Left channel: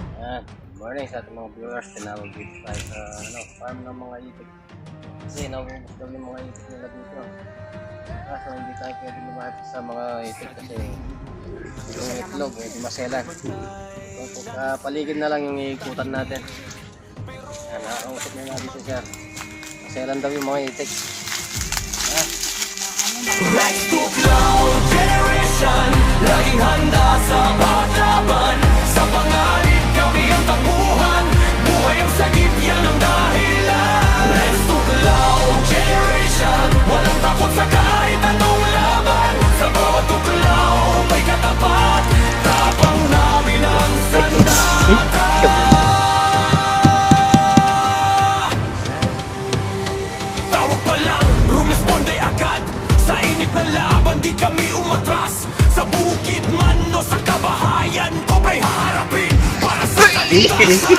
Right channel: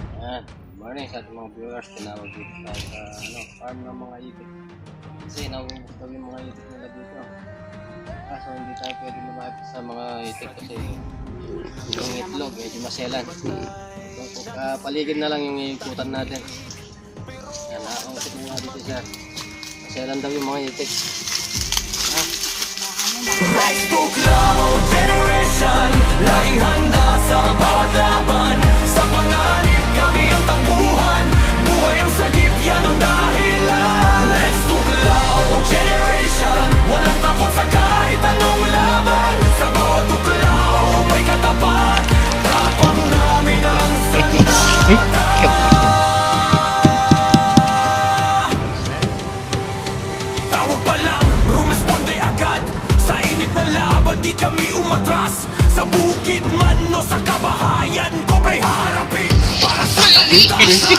Good morning sa ating mga viewers. Tinawag dito tayo sa farm ng mga itik. Kasi naubos daw yung mga itik nila dito. Kaso hindi tayo pwede lumapit sa mga itik kasi yung itlog medyo maselan. So, paligid na lang yung ikutan natin. Yan, nakausap nyo nga dito siya. Maselan daw yung mga itik. Rise to cloud generation, laging handa sa bawat laban. Sa panganib kami ang takbuhan, buhay ang sagip, yan ang dahilan. Rise to cloud generation, walang takot sa kahit anong laban. Sa bawat tuklaw may katapat, tapang namin ang sandata. Tawag pa lang, rumesponde agad. Sa init na laban, di kami umatras. Sa bukid man o sa kabahayan, kobra'y haharapin para sa kaligtasan.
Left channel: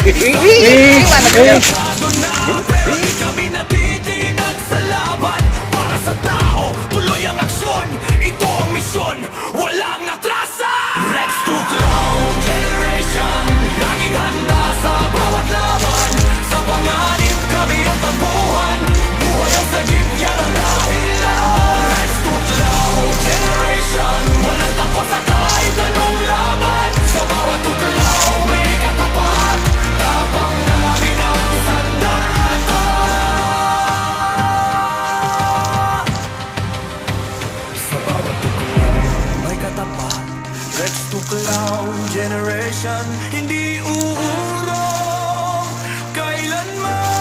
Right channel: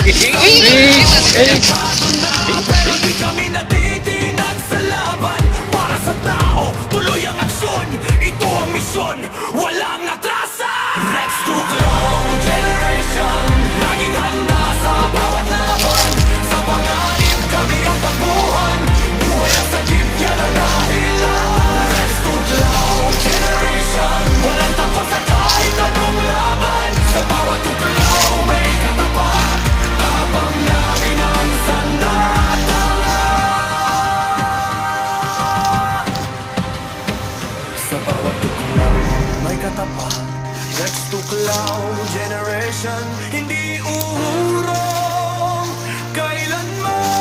Isang na, pero di kami natitinag sa laban. Para sa tao, tuloy ang aksyon. Ito ang misyon, walang atrasan. Rex to Clown Generation, laging handa sa bawat laban. Sa panganib kami ang takbuhan, buhay ang sagip, yan ang dahilan. Rex to Clown Generation, walang takot sa kahit anong laban. Sa bawat tuklaw may katapat, tapang namin ang sandata. Sa bawat tuklaw may katapat, Rex to Cloud Generation, hindi uurong kailanman.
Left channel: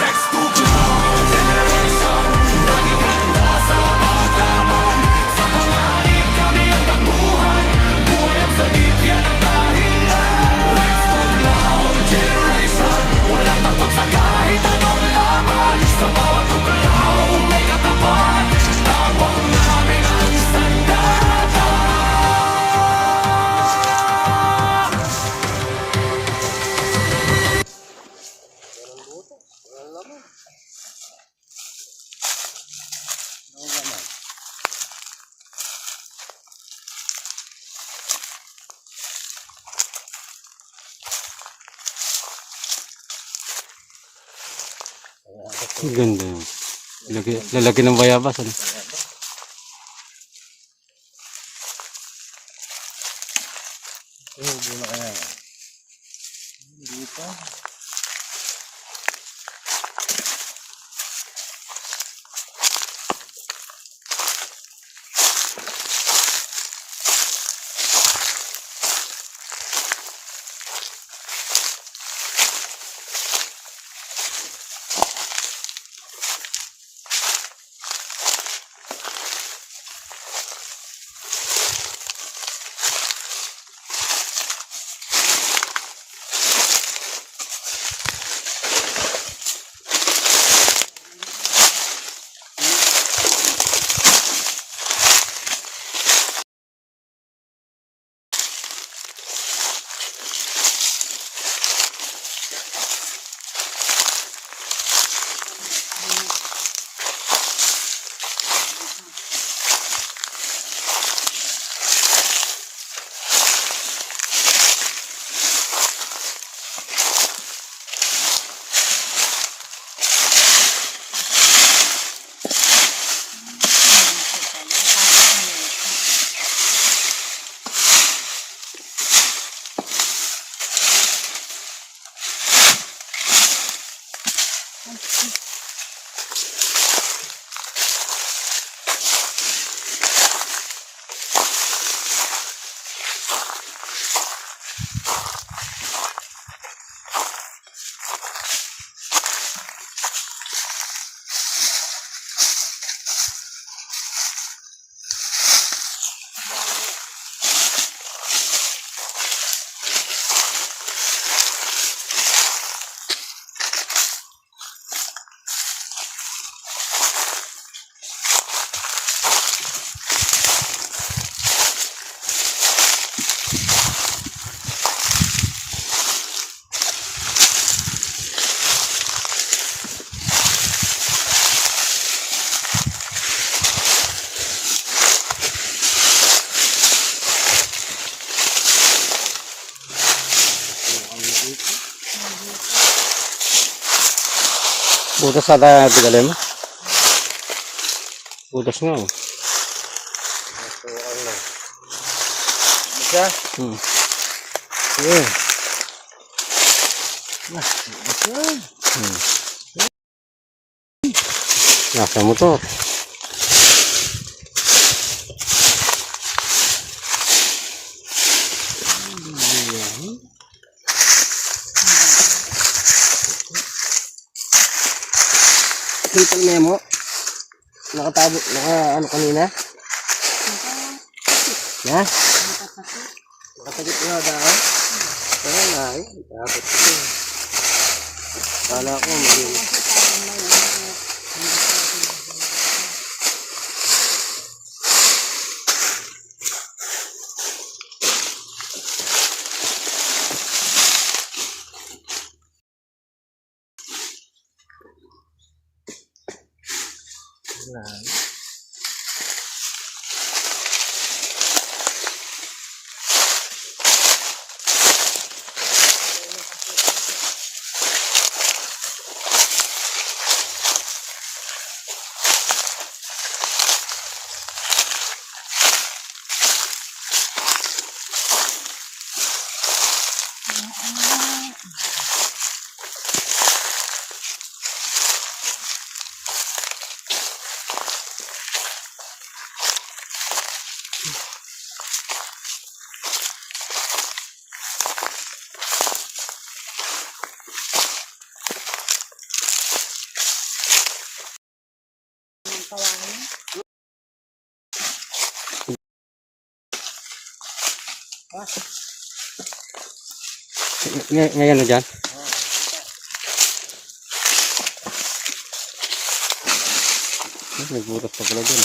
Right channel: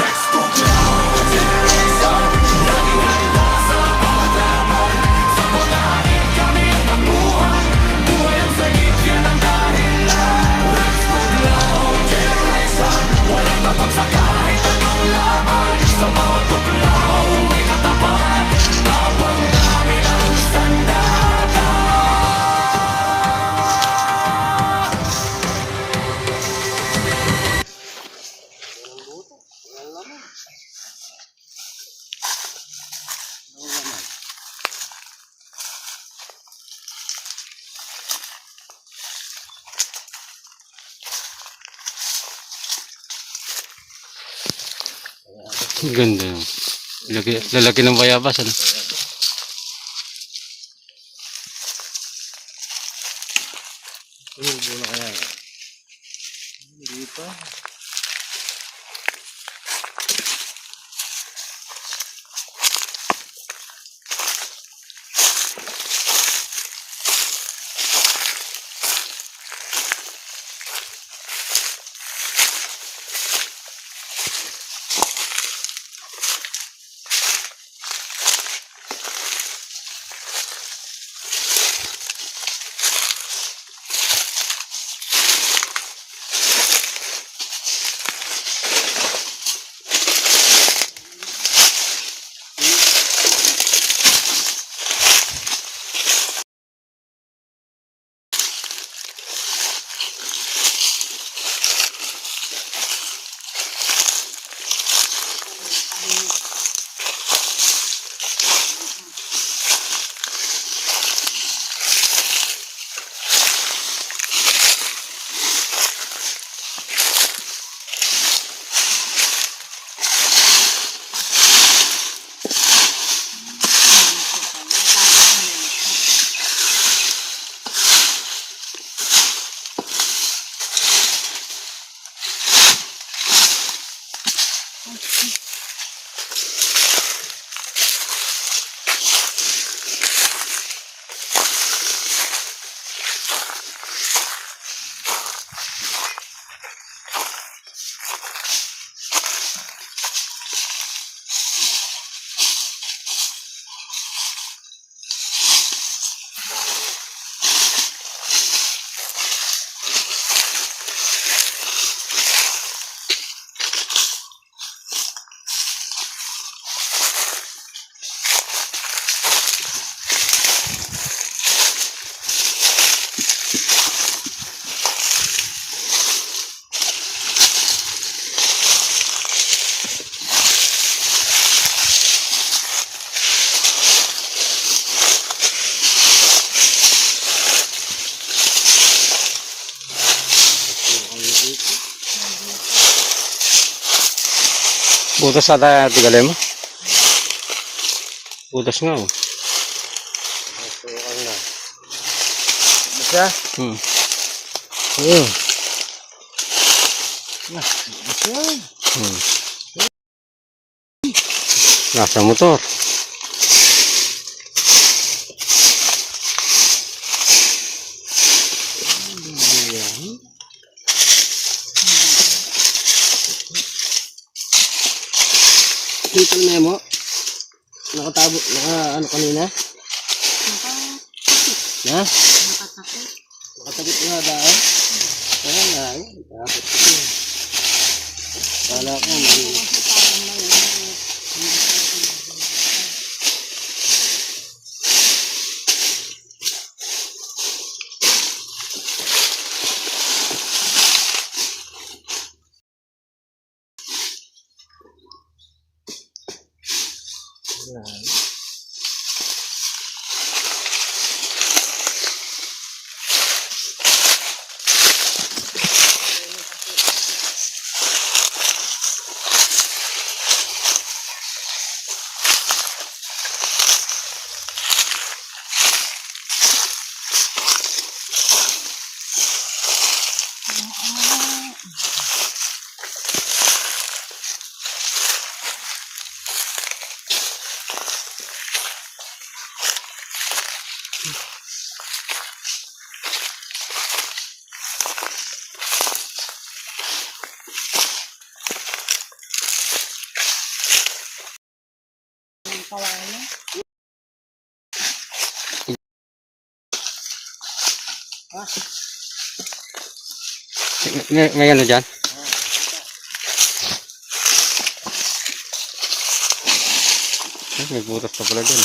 Rex to Cloud Generation, laging handa sa bawat laban. Sa panganib kami ang takbuhan, buhay ang sagip, yan ang dahilan. Rex to Cloud Generation, walang takot sa kahit anong laban. Sa bawat tuklaw may katapat, tapang namin ang sandata. Ganda. Lalaki ng bayabas, ano? Muna kaya dito. Butas sa tayo tigalay mo. Butas nga oh. So, ano? Basta? Hmm. Basta? Hmm. Nasa motor. Simple memo. Nakatabo, ano kanina? Na? Nakatakit na daw. Kaya nga, takot ko. Kala ko, May ano dyan? May butas pa pala dyan.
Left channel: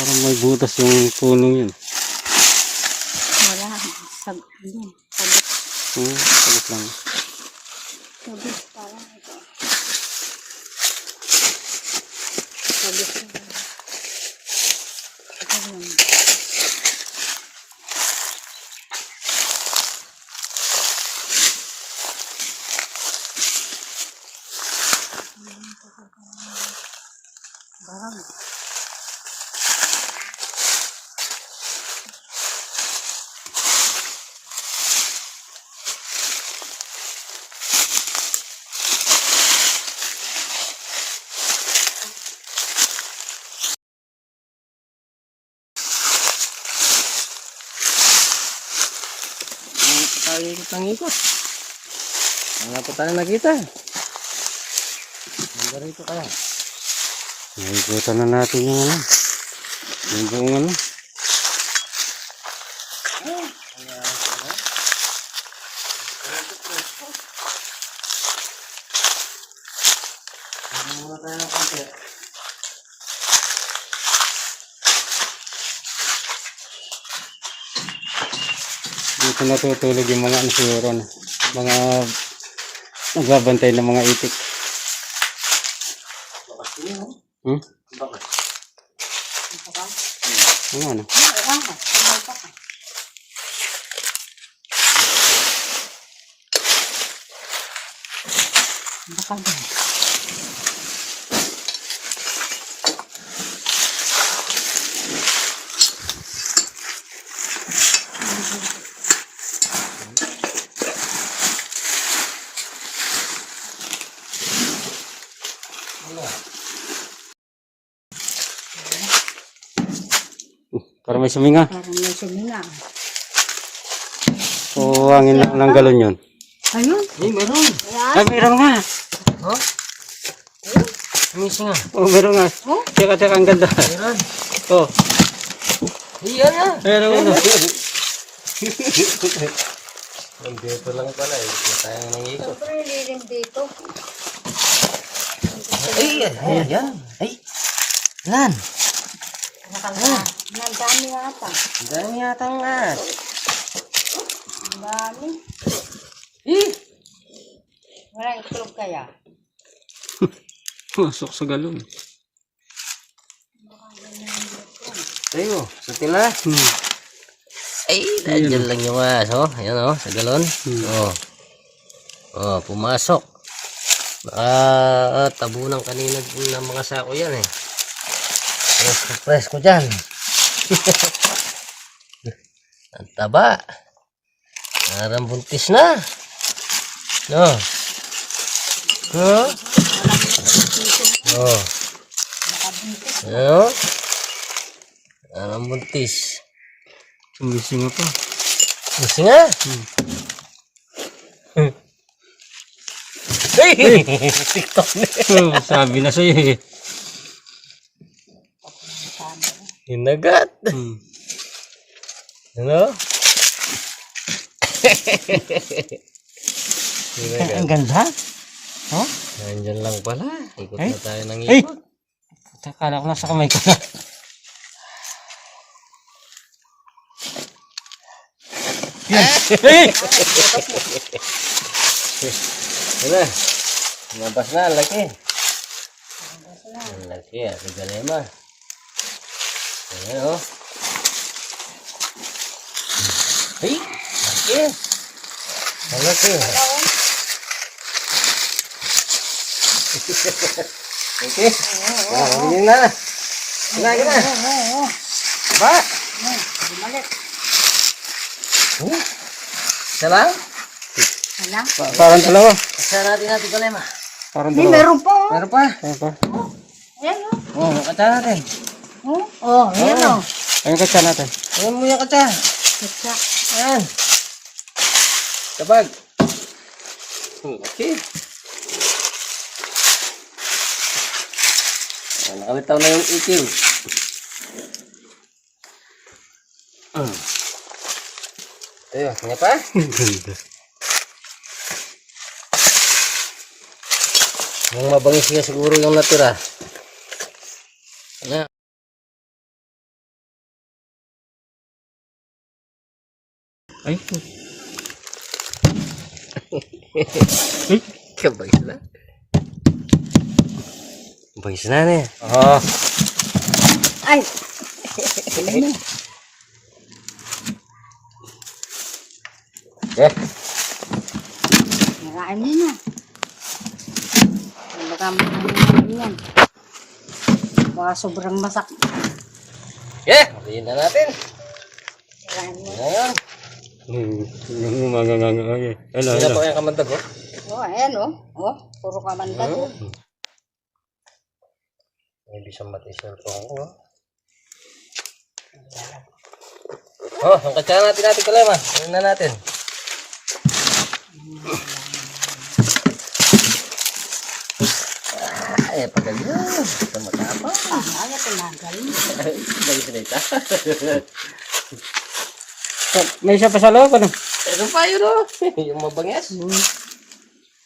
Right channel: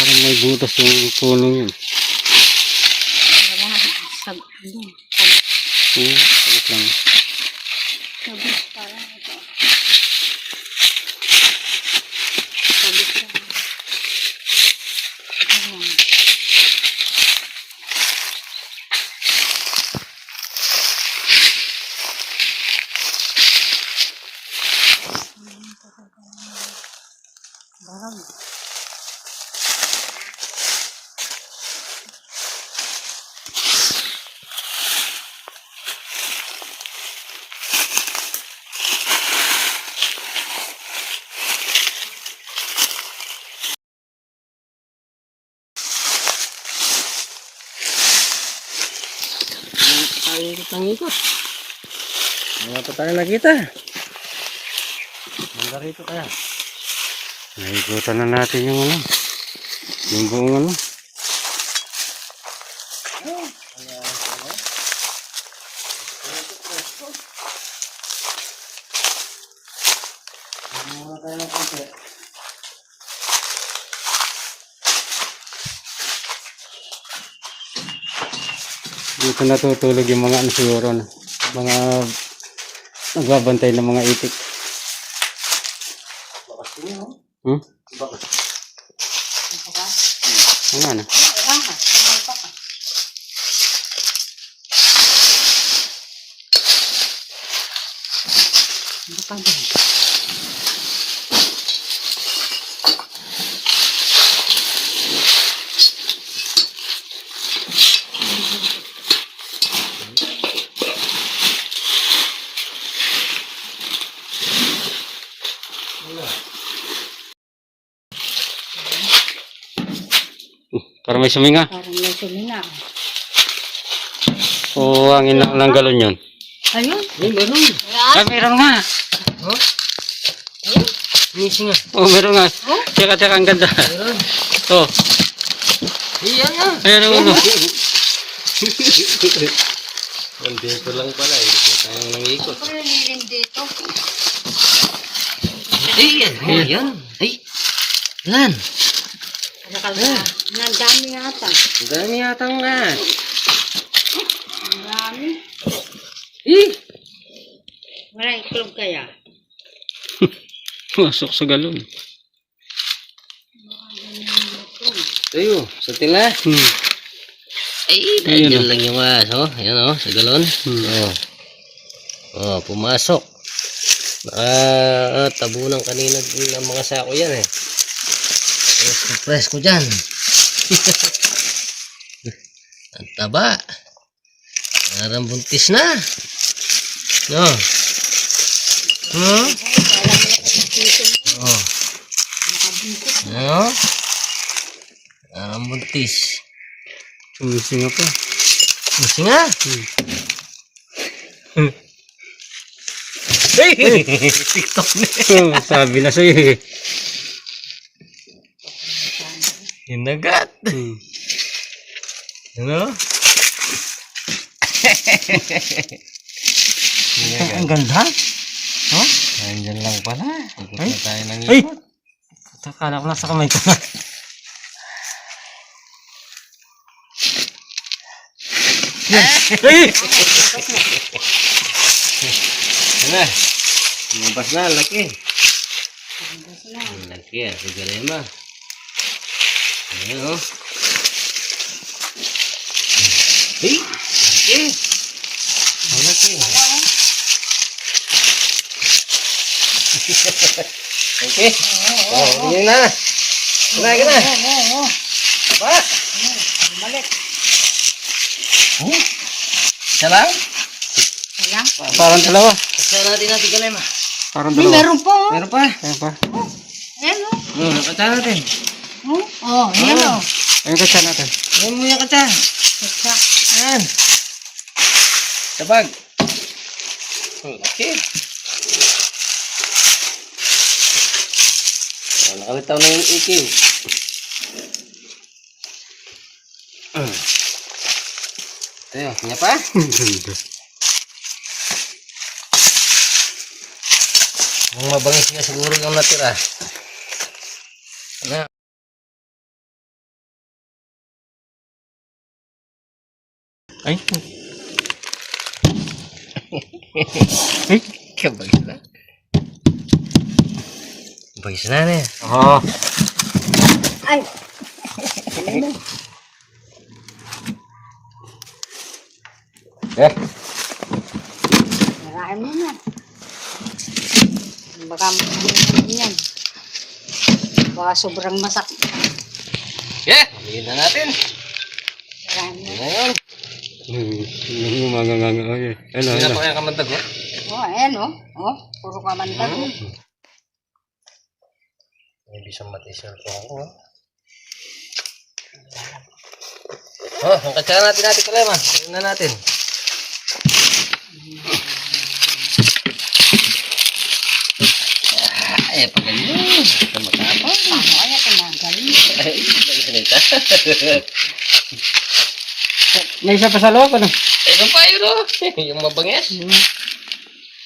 Parang may butas yung punong yun. Wala. Yun. Sabit. Sabit lang. Sabit. Parang ito. Sabit lang. Ito lang. Barang. tayo ikot ng ikot. Wala pa tayo nakita. Hangga rito kaya. Naikutan na natin yung ano. Yung buong ano. Muna tayo ng konti. Dito natutulog yung mga ano siguro, no? Mga nagbabantay ng mga itik. Bakas din yun, oh. Hmm? Bakas. Ano ano? Baka ba? Para may suminga. Parang may sumina. O hangin lang ng galon yun. Ayun. Ay, meron. Ay, meron nga. Oh? Missing nga. Oh, meron nga. Teka, ang ganda. Meron. Oh, Iyan nga. meron ano. Nandito lang pala eh. Hindi tayong nangikot. Siyempre, liling dito. Ay, yan. Oh, yan. Ay. Lan. Nakala. Nagdami yata. Ang dami yata nga. Ang dami. Eh. Walang iklog kaya. Masok sa galon. Ayo, sa tila. Ay, Ayun, dyan lang yung aso. Ayan o, sa galon. Oh. Oh, pumasok. Tabunan kanina ng mga sako yan eh. Press ko dyan. Ang taba. Parang buntis na. No. Oh. Ano? Parang buntis. Sumisinga pa. Gusto nga. TikTok na. Oh, sabi na sa'yo eh. Hinagat. Ano? Ang ganda. Oh? Nandiyan lang pala. Ikot Ay. na tayo ng Ay! ikot. Akala ko nasa kamay ko na. Yan. Ay! Ano? Lumabas na, ang laki. Ang laki, si Galema. Ayan o. Ay! Laki. Ang laki. Okay. Oh, hindi na. Gina. Ba? Bumalik. Isa lang? Wala. Parang dalawa. Kasi natin Galema. Parang Hindi, dalawa. meron pa. Meron pa. Ayan pa. Ayan o. Oh, kata natin. Oh, ayan o. Ayun katsa natin. Ayan mo yung kata. Kutsa. Ayan. Tabag. Okay. Oh, nakalitaw na yung ikiw. Ayo, niya pa? Ang ganda. Yung mabangis niya siguro yung natira. Ano? Ay. Ay. Kabangis na. Bangis na niya. Oh. Ay. Eh. Marami na. Baka ano yan. Baka sobrang masak. Yeah, malihin na natin. Marami Yan na. na yun. Umanganganga. Okay. Ano, Hindi na ano. pa kayang kamandag, oh. Oh, ayan o. Oh, puro kamandag. May bisang mati cellphone ko, oh. Oh, ang katsa natin Kalema. Ano na natin? Ay, pagaling. Ito matapang. Ay, tumagal. Ay, balik na ito. May isa pa sa loob, ano? Ito pa yun, oh. Yung mabangis.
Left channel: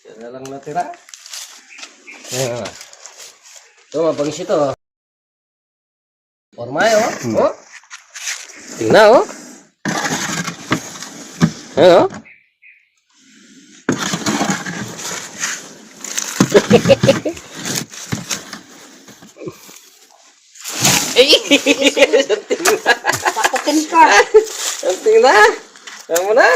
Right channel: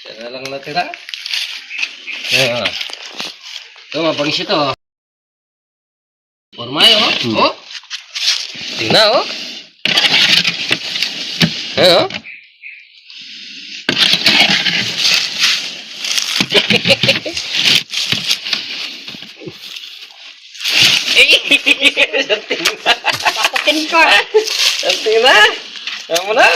Siya na lang natira. Oh. Ito, mabangis ito, oh. Formay, oh. Oh. Tingnan, oh. Oo. Takutin ka. Santing na. Tama na.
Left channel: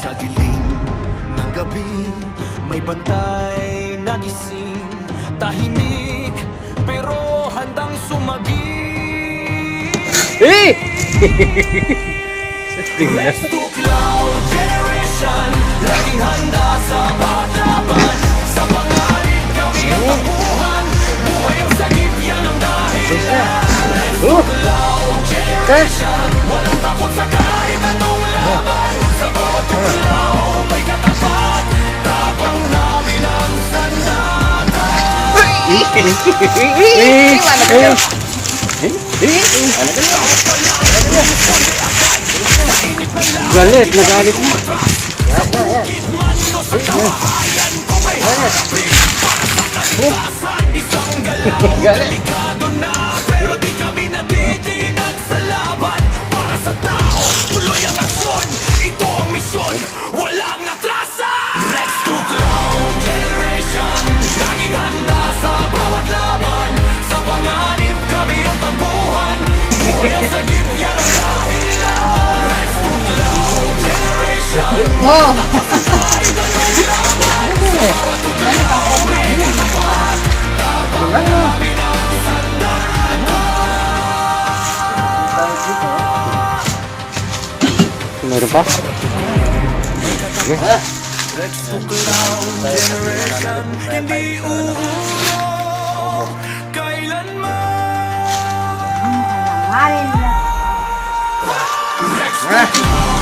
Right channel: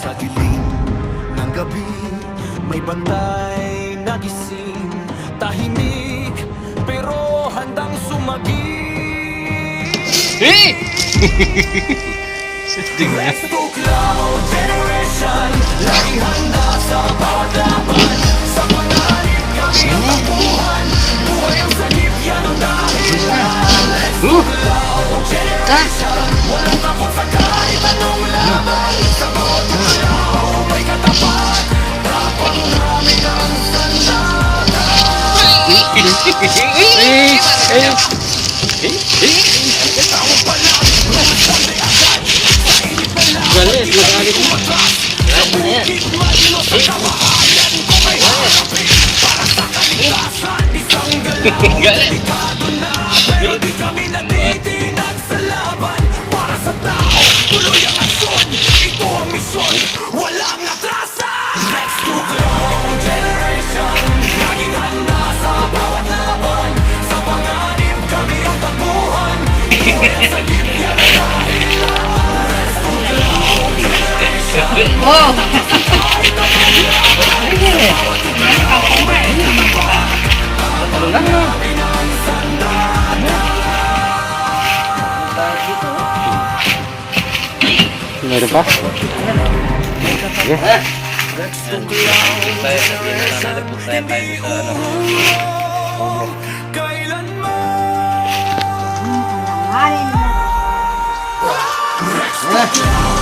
Sa dilim ng gabi, may bantay na gising. Tahimik, pero handang sumagi. Eh! Let's to cloud generation, laging handa sa paglaban. Sa panganib kami ang takbuhan, buhay ang sagip, yan ang dahilan. Let's to cloud generation, walang takot sa kahit anong laban. Sa bawat tulaw may katapat, tapang namin ang sandata. Galit, nagalit na. Delikado na, pero di kami natitinag sa laban. Para sa tao, tuloy ang aksyon. Ito ang misyon, walang atrasan. Let's to clown generation, laging handa sa bawat laban. Sa panganib kami ang takbuhan, buhay ang sagip, yan ang dahilan. Let's to clown generation. Oh. Meron pa? Rex to clown generation, hindi uurong kailanman. Alin na. Rex to clown